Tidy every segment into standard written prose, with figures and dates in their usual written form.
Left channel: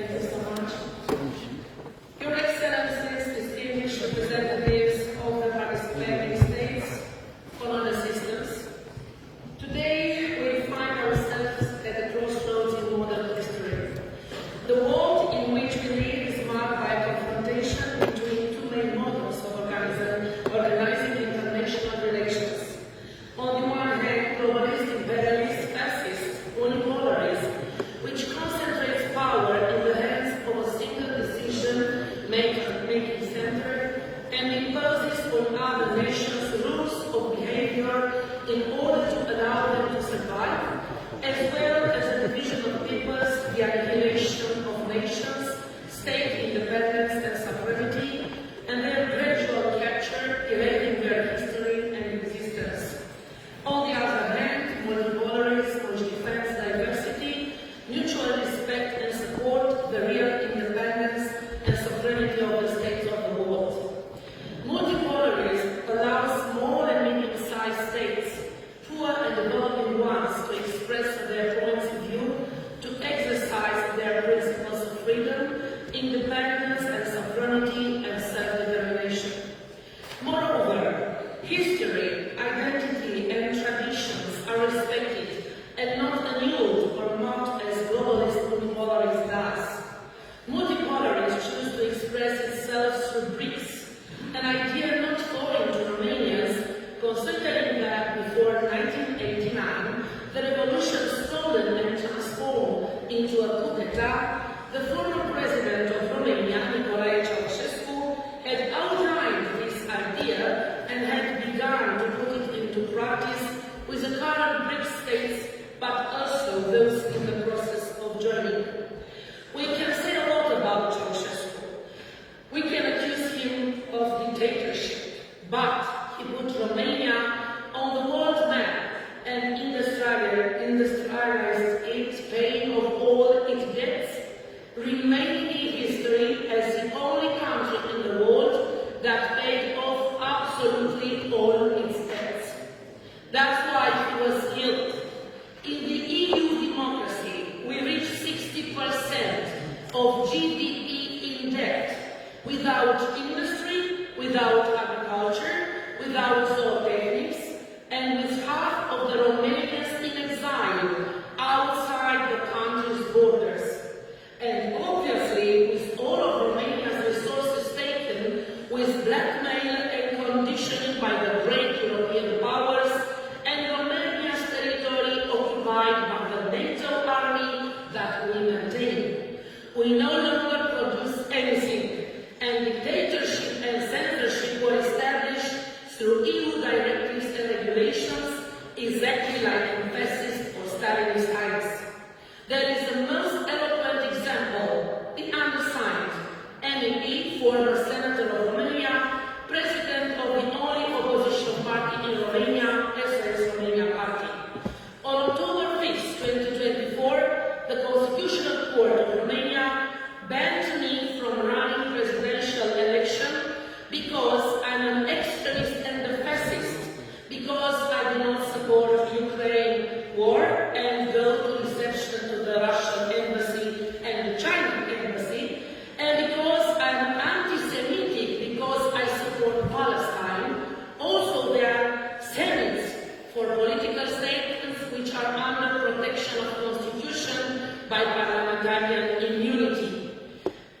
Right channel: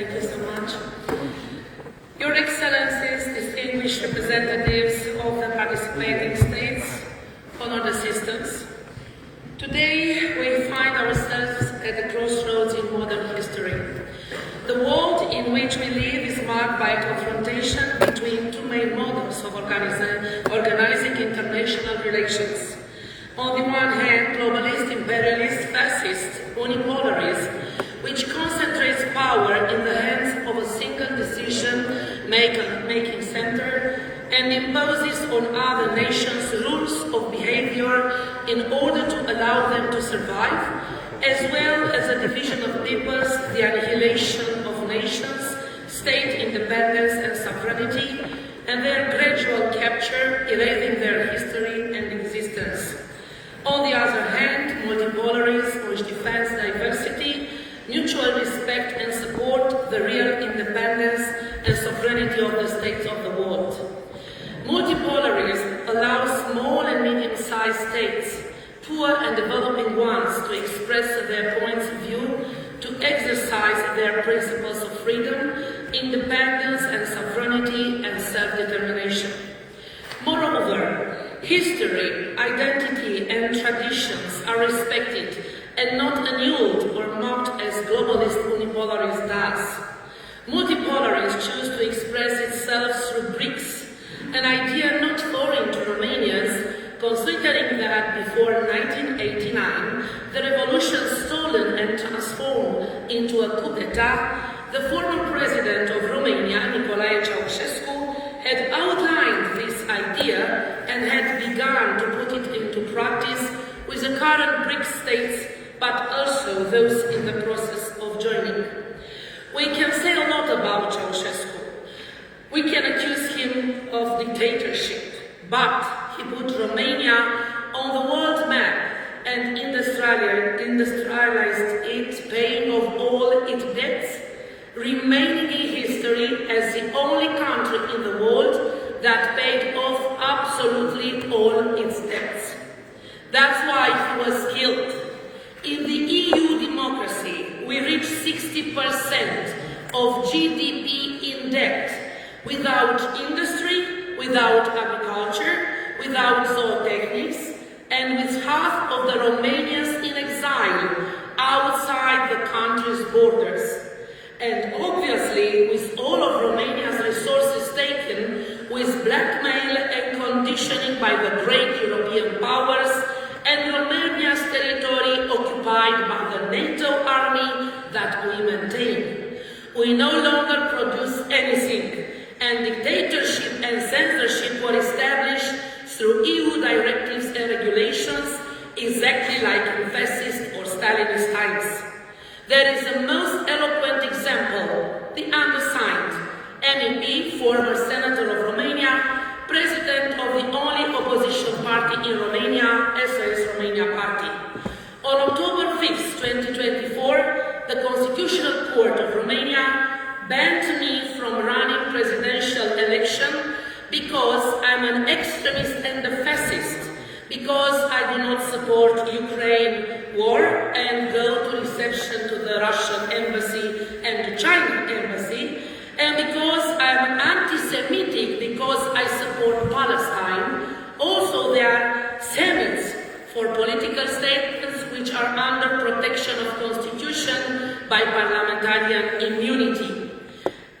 Thank you so much. Your Excellencies, distinguished representatives of the participating states, honored assistants, today we find ourselves at a crossroads in modern history. The world in which we live is marked by a confrontation between two main models of organizing international relations. On the one hand, globalist, imperialist, fascist, unipolarism, which concentrates power in the hands of a single decision-making center and imposes on other nations rules of behavior in order to allow them to survive, as well as a division of peoples, the annihilation of nations, state independence and sovereignty, and their gradual capture, erasing their history and existence. On the other hand, multipolarism, which defends diversity, mutual respect and support the real independence and sovereignty of the states of the world. Multipolarism allows small and medium-sized states, poor and developing ones, to express their points of view, to exercise their principles of freedom, independence and sovereignty and self-determination. Moreover, history, identity and traditions are respected and not annulled or mocked as globalist unipolarism does. Multipolarism chooses to express itself through BRICS, an idea not foreign to Romanians, considering that before 1989, the revolution stolen and transformed into a coup d'etat, the former president of Romania, Nicolae Ceausescu, had outlined this idea and had begun to put it into practice with the current BRICS states, but also those in the process of joining. We can say a lot about Ceausescu. We can accuse him of dictatorship, but he put Romania on the world map and industrialized it, paying off all its debts, remaining in history as the only country in the world that paid off absolutely all its debts. That's why he was killed. In the EU democracy, we reach 60% of GDP in debt, without industry, without agriculture, without zootechnics, and with half of the Romanians in exile outside the country's borders. And obviously, with all of Romania's resources taken, with blackmail and conditioning by the great European powers, and Romania's territory occupied by the NATO army that we maintain. We no longer produce anything, and dictatorship and censorship were established through EU directives and regulations, exactly like in fascist or Stalinist times. There is the most eloquent example, the undersigned, MEP, former Senator of Romania, President of the only opposition party in Romania, SOS Romania Party. On October 5, 2024, the Constitutional Court of Romania banned me from running presidential election because I'm an extremist and a fascist, because I do not support Ukraine war and go to reception to the Russian embassy and the China embassy, and because I'm anti-Semitic because I support Palestine. Also, there are Semites for political statements which are under protection of Constitution by parliamentarian immunity.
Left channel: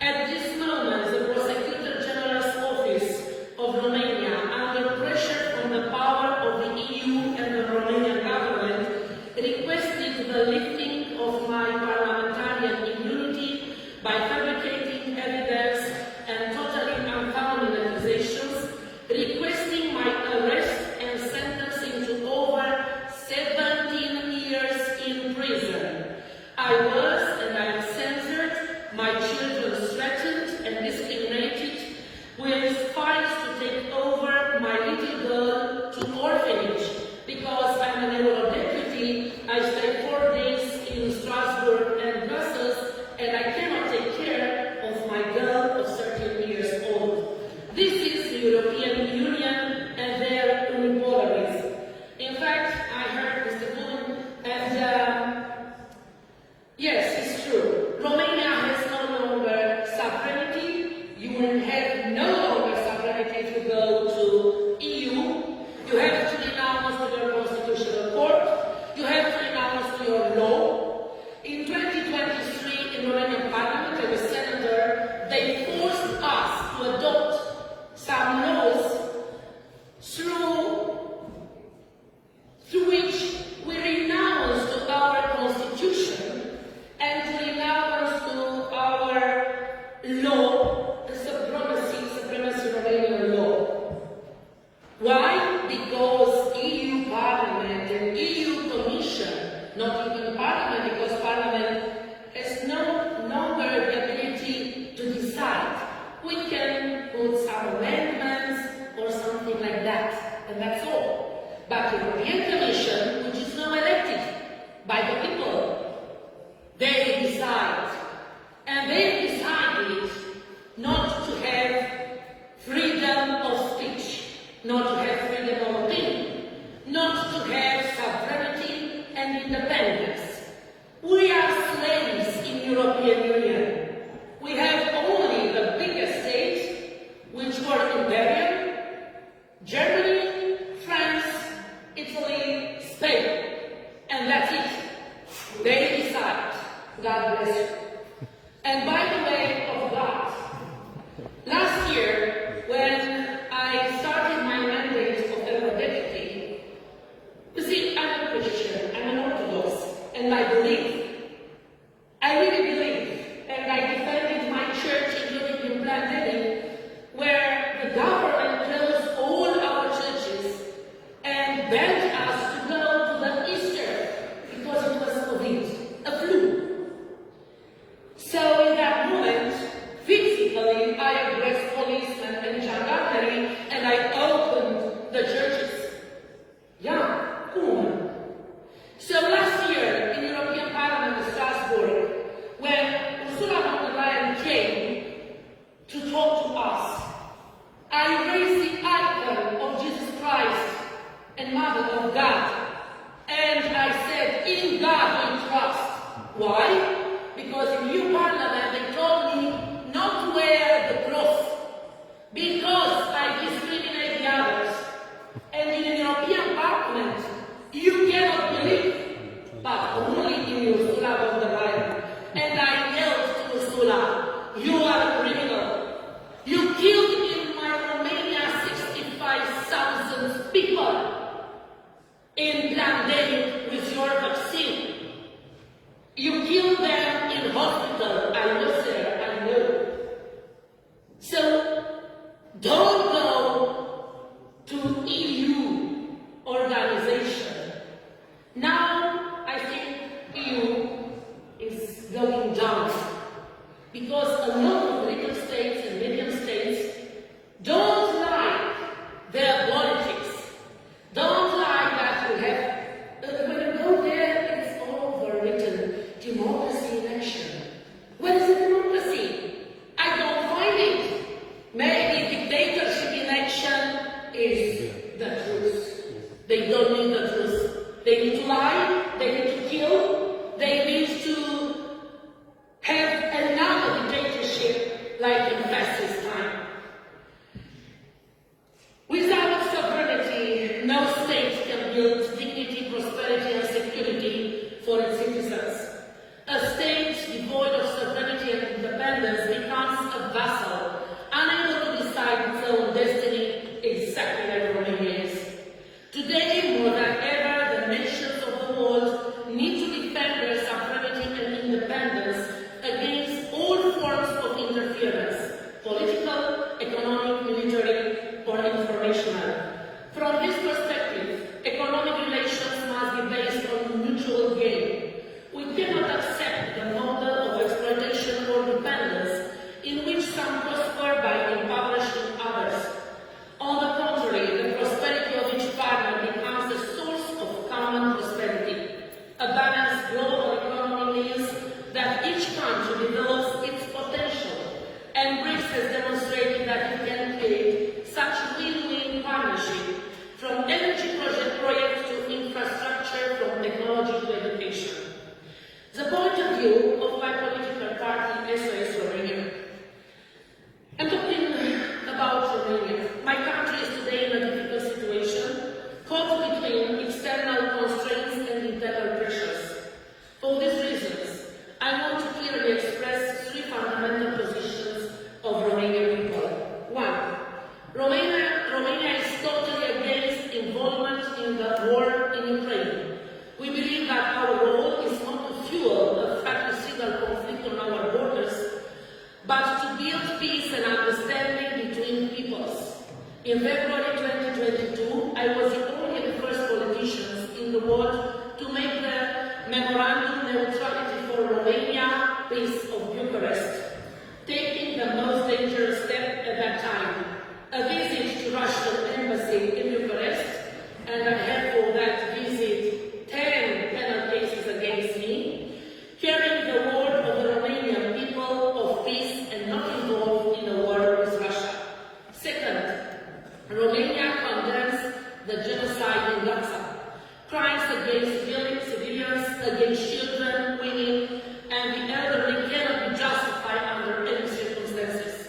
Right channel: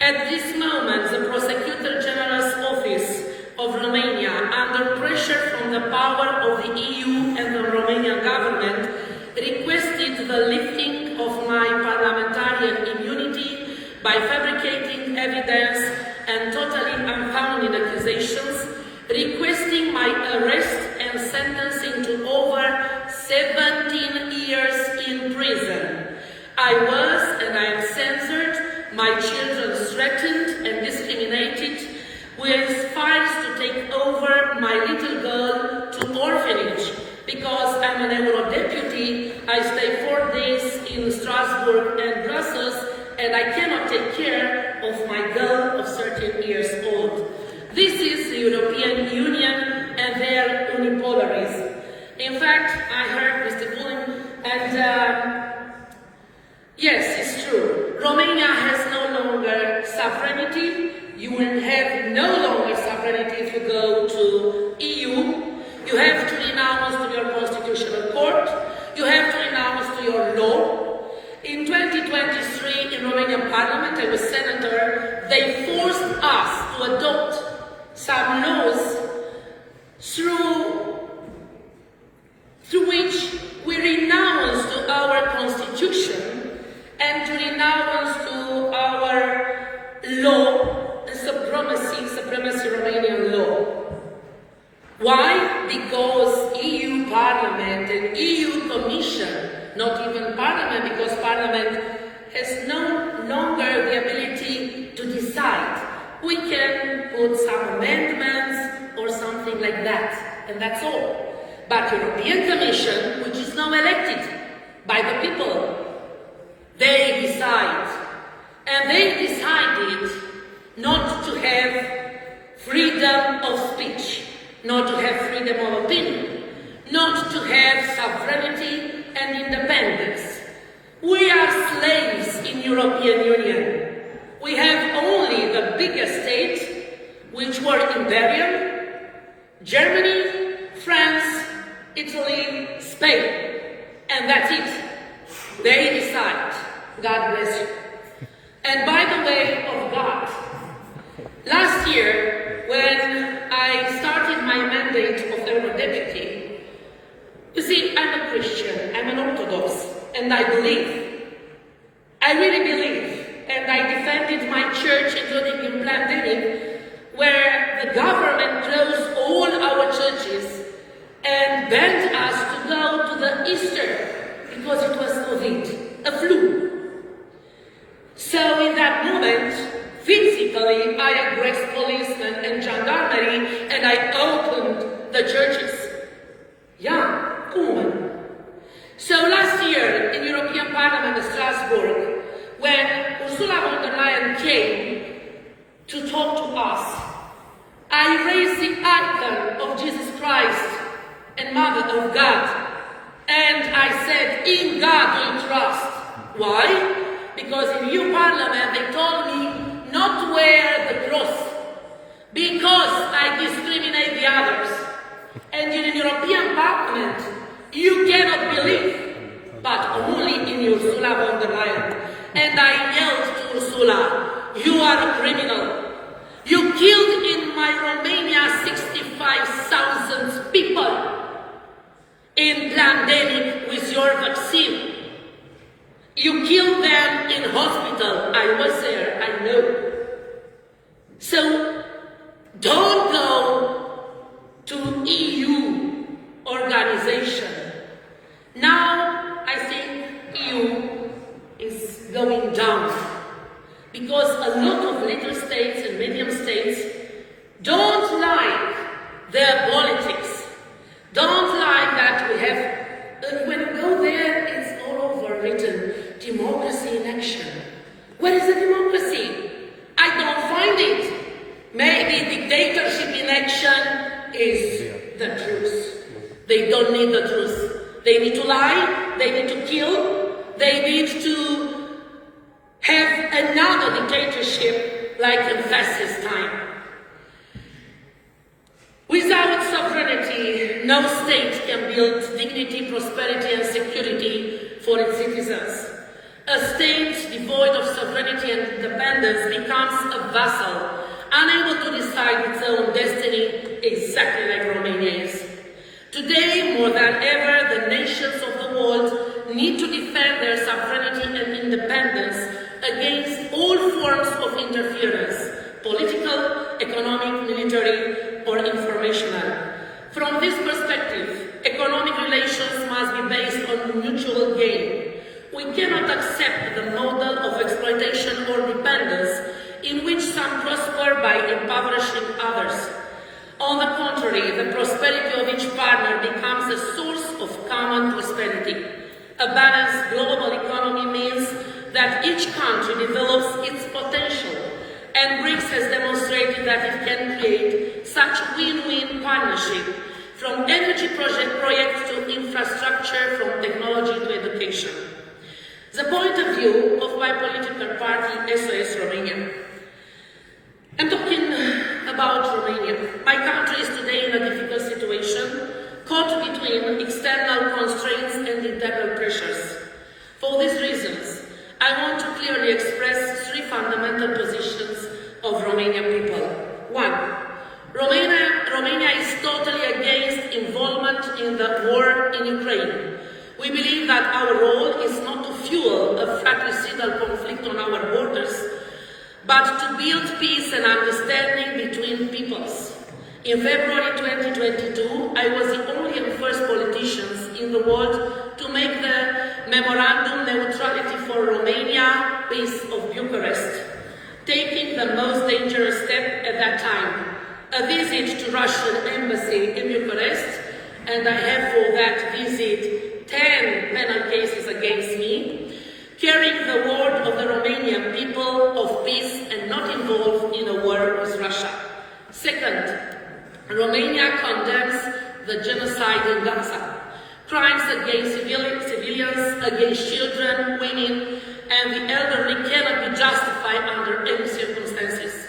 At this moment, the Prosecutor General's Office of Romania, under pressure from the power of the EU and the Romanian government, requested the lifting of my parliamentarian immunity by fabricating evidence and totally unfounded accusations, requesting my arrest and sentencing to over 17 years in prison. I was and I am censored, my children threatened and discriminated, with files to take over my little girl to orphanage. Because I'm an Euro-deputy, I stay 4 days in Strasbourg and Brussels, and I cannot take care of my girl of 13 years old. This is the European Union and their unipolarism. In fact, I heard Mr. Bullen, and yes, it's true. Romania has no sovereignty. You will have no longer sovereignty if you go to EU. You have to renounce to your constitutional court. You have to renounce to your law. In 2023, in Romanian Parliament, I was senator, they forced us to adopt some laws through which we renounce to our constitution and to renounce to our law, supremacy Romanian law. Why? Because EU Parliament and EU Commission, not even Parliament, because Parliament has no longer the ability to decide. We can put some amendments or something like that, and that's all. But the European Commission, which is now elected by the people, they decide. And they decided not to have freedom of speech, not to have freedom of opinion, not to have sovereignty and independence. We are slaves in European Union. We have only the biggest states, which were Imperium, Germany, France, Italy, Spain, and that's it. They decide. God bless you. And by the way of God, last year when I started my mandate of Eurodeputy, you see, I'm a Christian, I'm an Orthodox, and I really believe, and I defended my church, including in pandemic, where the government closed all our churches and banned us to go to the Easter because it was COVID, a flu. So in that moment, physically, I addressed policemen and gendarmerie and I opened the churches. Yeah, woman. So last year in European Parliament in Strasbourg, when Ursula von der Leyen came to talk to us, I raised the icon of Jesus Christ and Mother of God. And I said, in God we trust. Why? Because in EU Parliament they told me not to wear the cross because I discriminate the others. And in the European Parliament you cannot believe, but only in Ursula von der Leyen. And I yelled to Ursula, you are a criminal. You killed in my Romania 65,000 people in pandemic with your vaccine. You killed them in hospital. I was there, I know. So don't go to EU organization. Now I think EU is going down because a lot of little states and medium states don't like their politics. Don't like that we have, when you go there, it's all over written, democracy in action. Where is the democracy? I don't find it. Maybe dictatorship in action is the truth. They don't need the truth. They need to lie, they need to kill, they need to have another dictatorship like in fascist time. Without sovereignty, no state can build dignity, prosperity and security for its citizens. A state devoid of sovereignty and independence becomes a vassal, unable to decide its own destiny, exactly like Romania is. Today, more than ever, the nations of the world need to defend their sovereignty and independence against all forms of interference, political, economic, military, or informational. From this perspective, economic relations must be based on mutual gain. We cannot accept the model of exploitation or dependence in which some prosper by impoverishing others. On the contrary, the prosperity of each partner becomes a source of common prosperity. A balanced global economy means that each country develops its potential, and BRICS has demonstrated that it can create such win-win partnership, from energy projects to infrastructure, from technology to education. The point of view of my political party, SOS Romania. fundamental positions of Romanian people. One, Romania is totally against involvement in the war in Ukraine. We believe that our role is not to fuel a fratricidal conflict on our borders, but to build peace and understanding between peoples. In February 2022, I was the only and first politicians in the world to make the Memorandum Neutrality for Romania Peace of Bucharest, taking the most dangerous step at that time, a visit to Russian embassy in Bucharest, and I have for that visit 10 penal cases against me, carrying the word of the Romanian people of peace and not involved in a war with Russia. Second, Romania condemns the genocide in Gaza. Crimes against civilians, against children, women, and the elderly cannot be justified under any circumstances.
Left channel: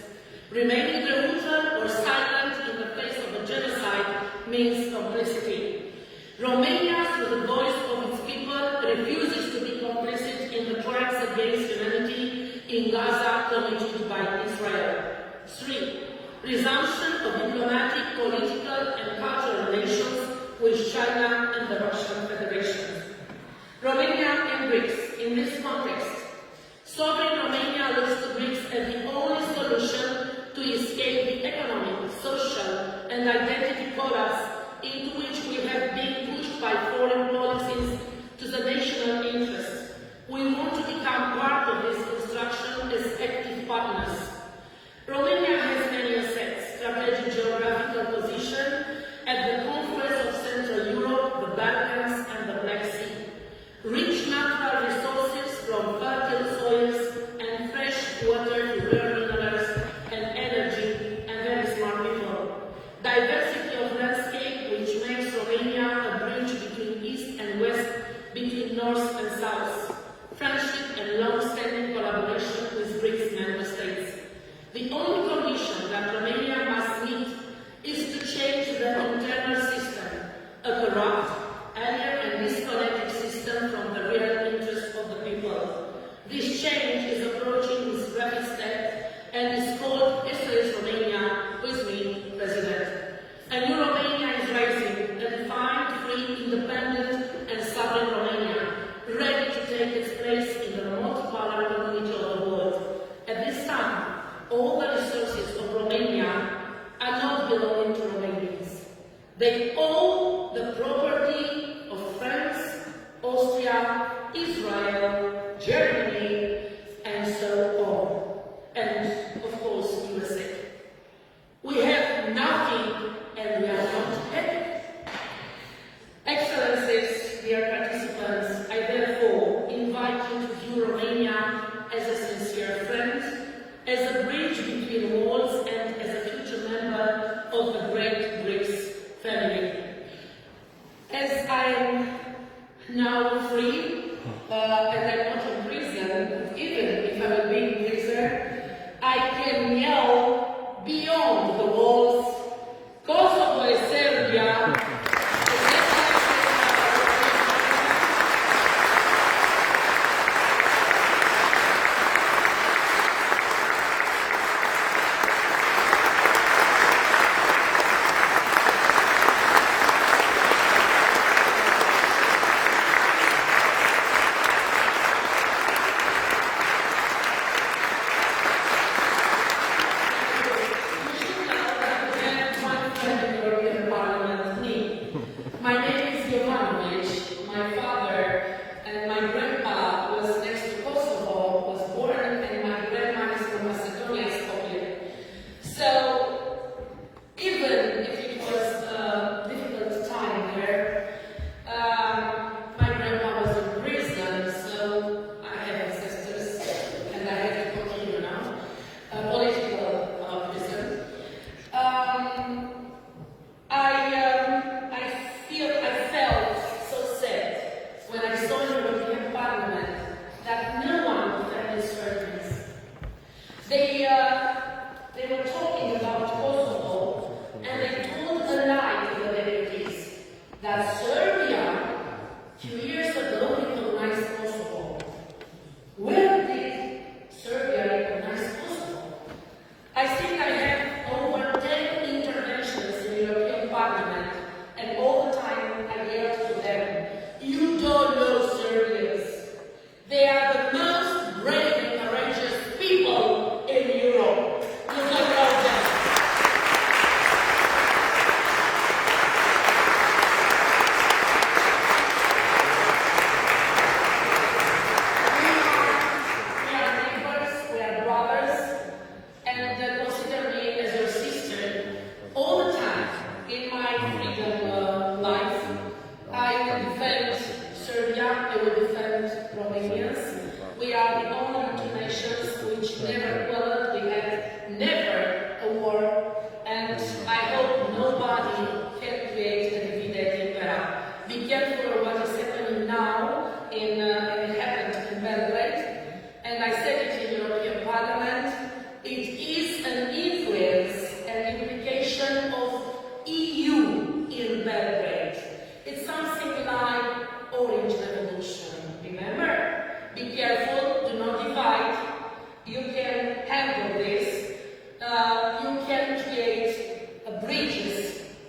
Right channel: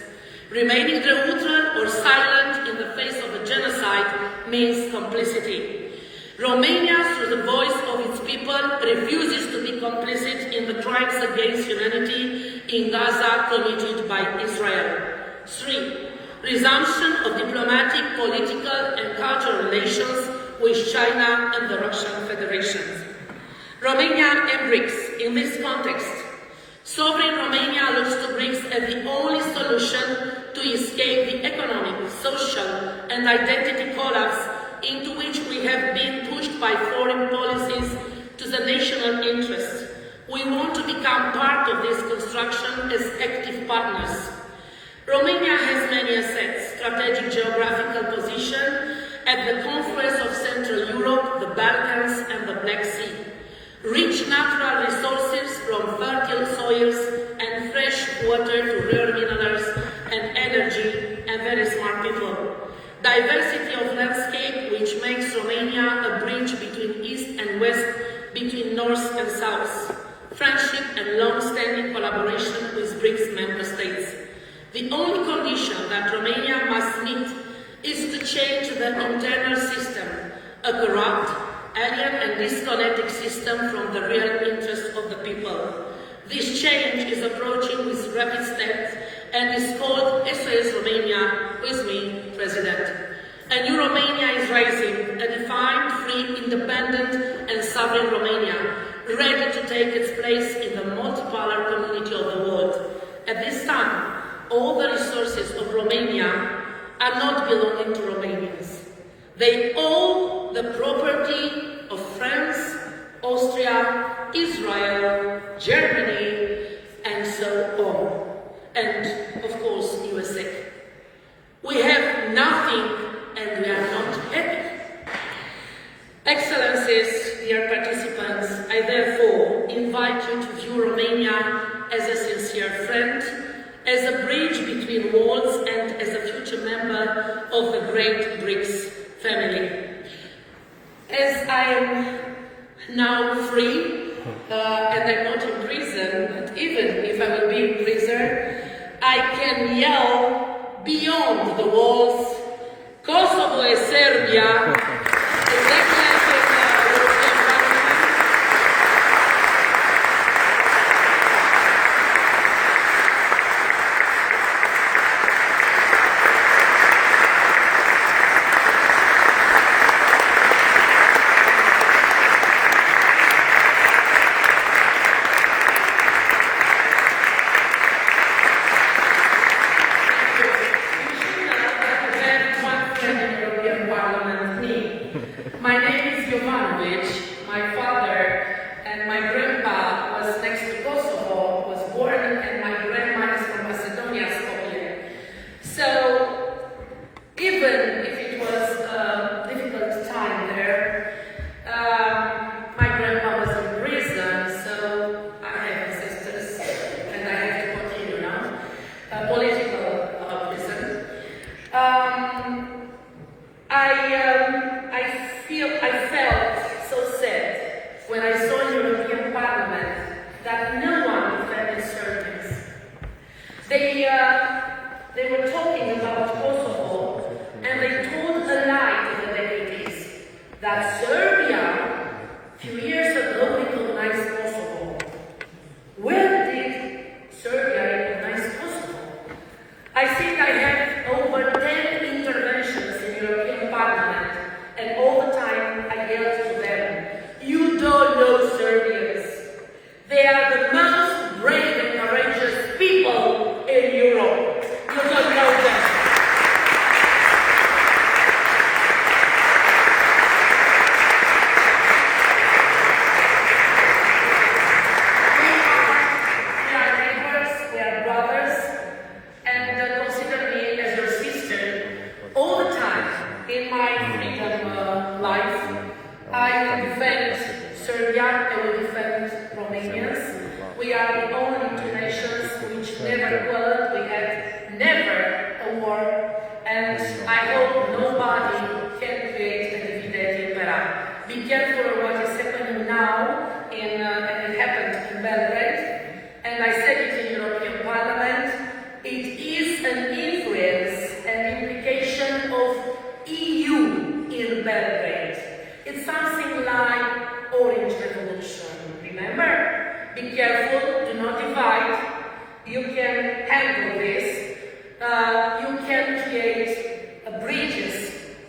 Remaining neutral or silent in the face of the genocide means complicity. Romania, through the voice of its people, refuses to be complicit in the crimes against humanity in Gaza committed by Israel. 3. Resumption of diplomatic, political, and cultural relations with China and the Russian Federation. Romania and BRICS. In this context, sovereign Romania looks to BRICS as the only solution to escape the economic, social, and identity collapse into which we have been pushed by foreign policies to the national interest. We want to become part of this construction as active partners. Romania has many assets, strategic geographical position at the confluence of Central Europe, the Balkans, and the Black Sea. Rich natural resources from fertile soils and fresh water to rare minerals and energy, and very smart people. Diversity of landscape, which makes Romania a bridge between East and West, between North and South. Friendship and long-standing collaboration with BRICS member states. The only condition that Romania must meet is to change the internal system, a corrupt, alien and disconnected system from the real interests of the people. This change is approaching with rapid steps and is called SOS Romania, with me, President. A new Romania is rising, a defined, free, independent and sovereign Romania, ready to take its place in the multipolar community of the world. At this time, all the resources of Romania are not belonging to Romanians. They own the property of France, Austria, Israel, Germany, and so on. And, of course, USA. We have nothing and we are not happy. Excellencies, dear participants, I therefore invite you to view Romania as a sincere friend, as a bridge between worlds, and as a future member of the great BRICS family. As I am now free, and I'm not in prison, but even if I will be in prison, I can yell beyond the walls, Kosovo e Serbia. My name is Jovanovic. My father and my grandpa was next to Kosovo, was born, and my grandma is from Macedonia, Skopje. So, even if it was a difficult time there, my grandpa was in prison, so I have ancestors, and I have to continue now, political prison. I felt so sad when I saw in the European Parliament that no one defended Serbians. They were talking about Kosovo, and they told a lie to the deputies that Serbia, a few years ago, recognized Kosovo. When did Serbia recognize never quarreled, we had never a war, and I hope nobody can create a divided Impera. Be careful what is happening now, and it happened in Belgrade, and I said it in the European Parliament. It is an influence and implication of EU in Belgrade. It's something like Orange Revolution, remember? Be careful, do not divide. You can handle this. You can create bridges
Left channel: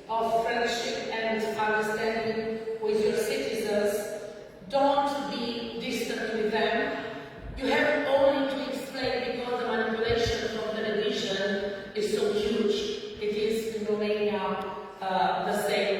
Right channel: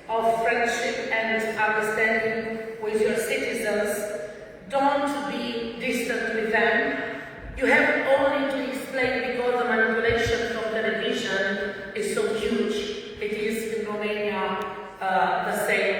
of friendship and understanding with your citizens. Don't be distant with them. You have only to explain because the manipulation from television is so huge. It is in Romania the same.